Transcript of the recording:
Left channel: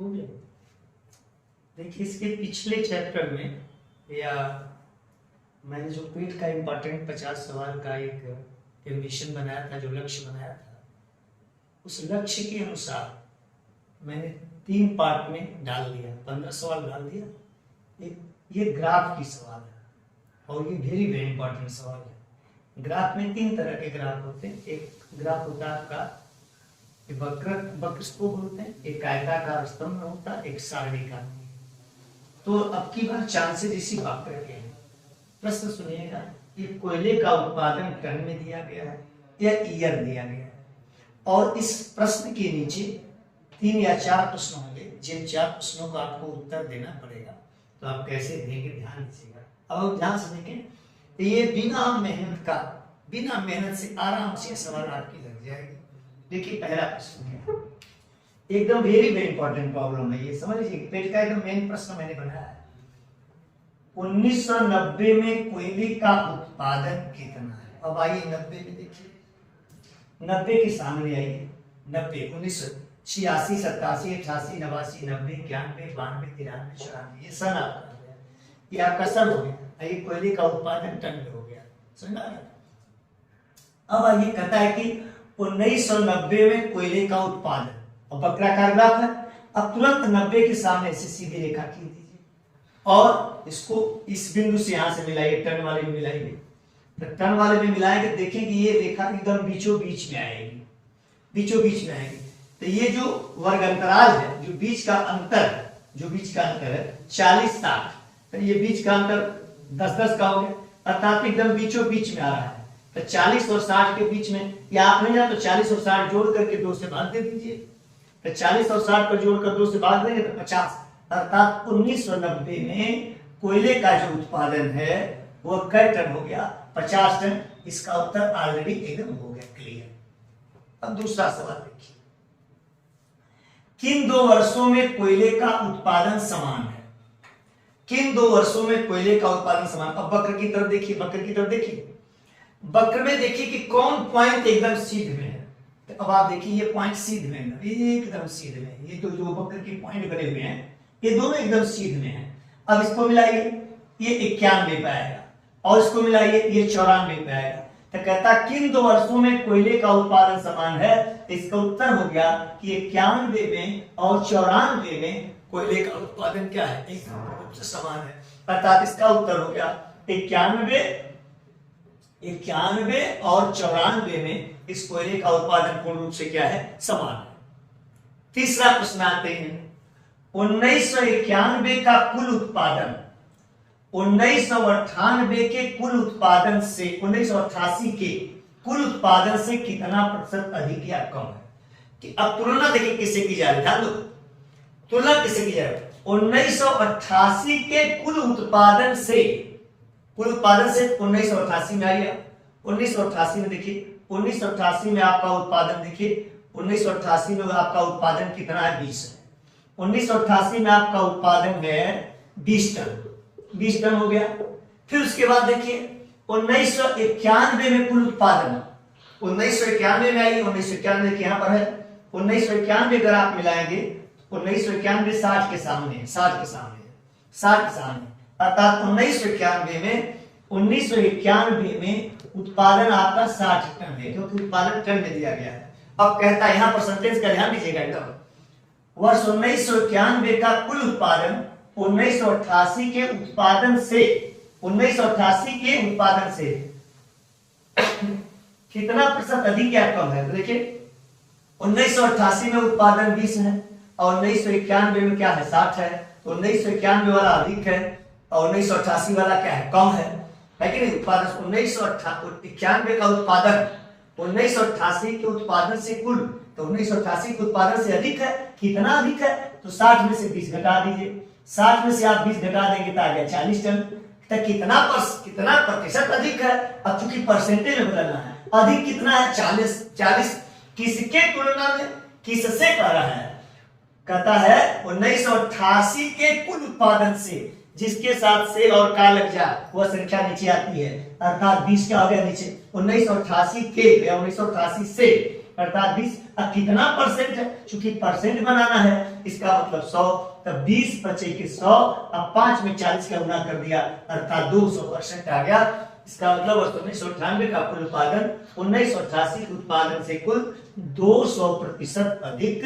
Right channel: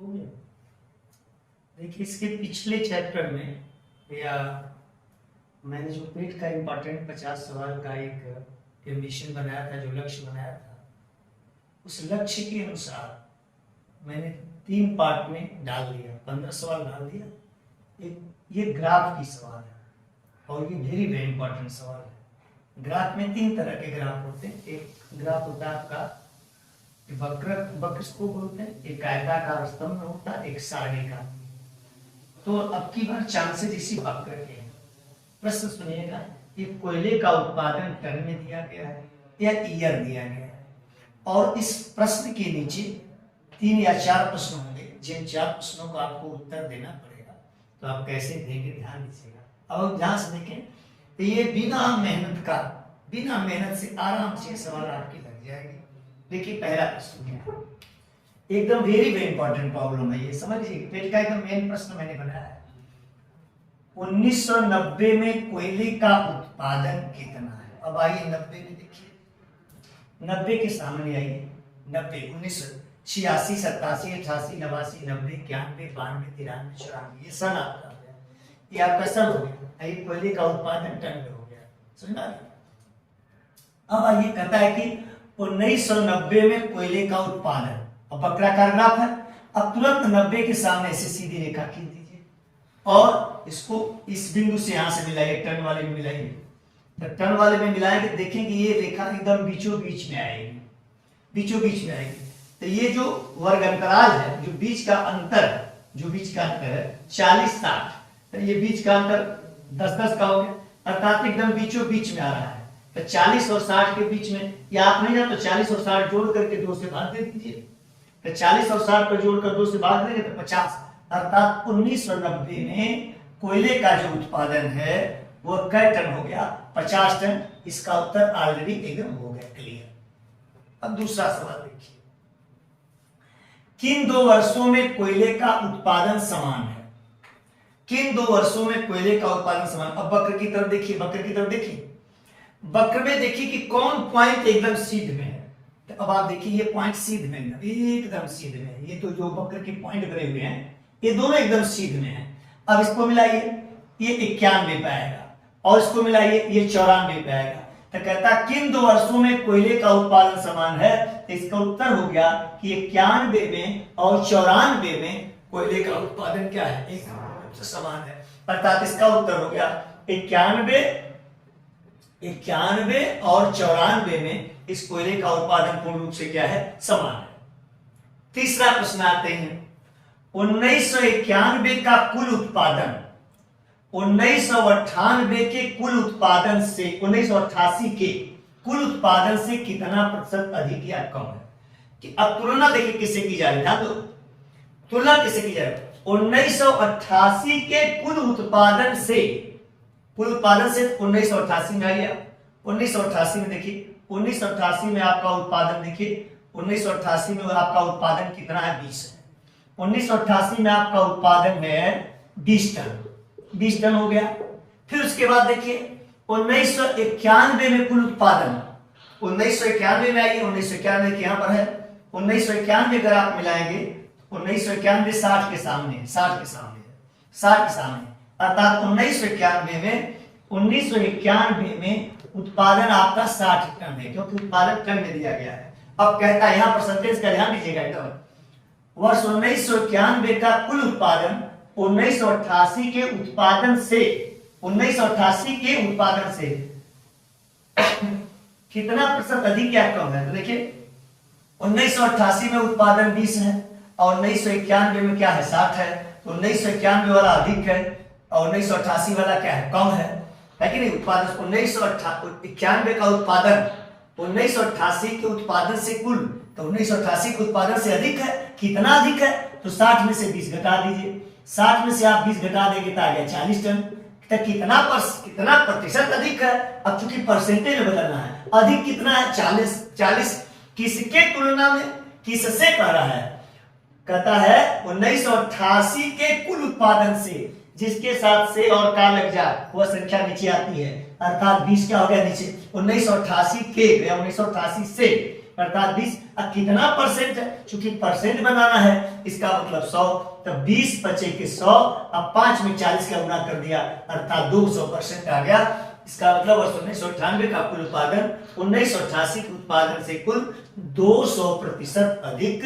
हो गया। देखिए इसके पिछले चैप्टर में या मैंने जो पेट का इम्पोर्टेंट 50 सवाल का एक एम्बिशन बनाया था, जो लक्ष्य बनाया था, उस लक्ष्य के अनुसार मैंने 3 पार्ट में डाल दिया, 15 सवाल डाल दिया। एक ये ग्राफ की सवाल है और ये वेरी इंपॉर्टेंट सवाल है। ग्राफ में 3 तरह के ग्राफ होते हैं। एक ग्राफ होता है आपका वक्र इसको बोलते हैं, एक आयताकार स्तंभ में होता है, एक सारणी का। तो अब की बार चांसेस इसी वक्र के हैं। प्रश्न सुनिएगा, ये कोयले का उत्पादन टन में दिया गया है या ईयर दिया गया है, और इस प्रश्न के नीचे 3 या 4 प्रश्न होंगे, जिन 4 प्रश्नों का आपको उत्तर देना पड़ेगा। तो आप कैसे देंगे ध्यान दीजिएगा। अब ध्यान से देखें तो ये बिना मेहनत से आराम से सवाल आपकी लग जाएगी। देखिए पहला प्रश्न क्या है, एकदम वेरी इंपॉर्टेंट प्रॉब्लम है ये, समझ लीजिए। पेट का एकदम मेन प्रश्न मैंने बनाया है। 1990 में कोयले का उत्पादन कितना है? अब आइए 90 में देखिए, 90 के सामने आइए। 90 1986, 87, 88, 89, 90, 91, 92, 93, 94, ये सन आपका हो गया, ये आपका सन हो गया। ये कोयले का उत्पादन टन में हो गया, समझा? अब आइए कहता है कि 1990 में कोयले का उत्पादन, अब वक्राकार ग्राफ है। अब तुरंत 90 के सामने ऐसे सीधी रेखा खींच दीजिए और इसको इस बिंदु से यहां से मिलाइए, टन वाले में मिलाइए। तो टन वाले में मिलाएंगे, देखेंगे ये रेखा एकदम बीचों बीच में आएगी, बीचों बीच में आएगी। तो ये जो वर्ग अंतराल है, जो बीच का अंतर है 40-60, तो ये बीच का अंतर 10-10 का हो गया, अर्थात एकदम बीचों बीच में आ रहा है। तो 40 और 60 के बीच में, या आप नहीं जाते तो 40 और 60 जोड़ करके 2 से भाग दे दीजिए। तो 40 और 60 पर जोड़कर 2 से भाग देंगे तो 50, अर्थात 1990 में कोयले का जो उत्पादन है वो कै टन हो गया? 50 टन। इसका उत्तर ऑलरेडी एकदम हो गया, क्लियर। अब दूसरा सवाल देखिए, किन 2 वर्षों में कोयले का उत्पादन समान है? किन 2 वर्षों में कोयले का उत्पादन समान? अब वक्र की तरफ देखिए, वक्र में देखिए कि कौन पॉइंट एकदम सीध में है। तो अब आप देखिए ये पॉइंट सीध में है, एकदम सीध में है। ये तो जो वक्र के पॉइंट बने हुए हैं ये दोनों एकदम सीध में है। अब इसको मिलाइए, ये 91 पे आएगा, और इसको मिलाइए, ये 94 पे आएगा। तो कहता किन 2 वर्षों में कोयले का उत्पादन समान है? तो इसका उत्तर हो गया कि 91 में और 94 में कोयले का उत्पादन क्या है? एक समान है। अर्थात इसका उत्तर हो गया 91 और 94 में इस कोयले का उत्पादन पूर्ण रूप से क्या है? समान है। तीसरा प्रश्न आते हैं, 1991 का कुल उत्पादन 1998 के कुल उत्पादन से, 1988 के कुल उत्पादन से कितना प्रतिशत अधिक या कम है? कि अब तुलना देखिए किससे की जा रही है, तुलना किससे की जा रही है? 1988 के कुल उत्पादन से 1988 में आइए। 1988 में देखिए, 1988 में आपका उत्पादन देखिए, 1988 में आपका उत्पादन कितना है? 20 है। 1988 में आपका उत्पादन है 20 टन हो गया। फिर उसके बाद देखिए 1991 में कुल उत्पादन, 1991 में आइए, 1991 के यहां पर है। 1991 अगर आप मिलाएंगे, 1991 60 के सामने, अर्थात 1991 में उत्पादन आपका 60 टन है, क्योंकि उत्पादन टन में दिया गया है। अब कहता है यहां परसेंटेज का ध्यान दीजिएगा एकदम, वर्ष 1991 का कुल उत्पादन 1988 के उत्पादन से, 1988 के उत्पादन से कितना प्रतिशत अधिक या कम है? तो देखिए 1988 में उत्पादन 20 है और 1991 में क्या है? 60 है। तो 1991 वाला अधिक है और 1988 वाला क्या है? कम है कि नहीं? उत्पादन 1991 का उत्पादन 1988 के उत्पादन से कुल, तो 1988 के उत्पादन से अधिक है। कितना अधिक है? तो 60 में से 20 घटा दीजिए। 60 में से आप 20 घटा देंगे तो आ गया 40 टन। तो कितना प्रतिशत अधिक है? अब चूंकि परसेंटेज में बदलना है, अधिक कितना है? 40। किसके तुलना में? किससे कह रहा है? कहता है 1988 के कुल उत्पादन से, जिसके साथ से और का लग जाए वह संख्या नीचे आती है, अर्थात 20 क्या हो गया नीचे? 1988 के या 1988 से अर्थात 20। अब कितना परसेंट है, क्योंकि परसेंट बनाना है, इसका मतलब 100, तब 20 बचे के 100, अब 5 में 40 का गुना कर दिया, अर्थात 200% आ गया। इसका मतलब वर्ष 1998 का कुल उत्पादन 1988 के उत्पादन से कुल 200% अधिक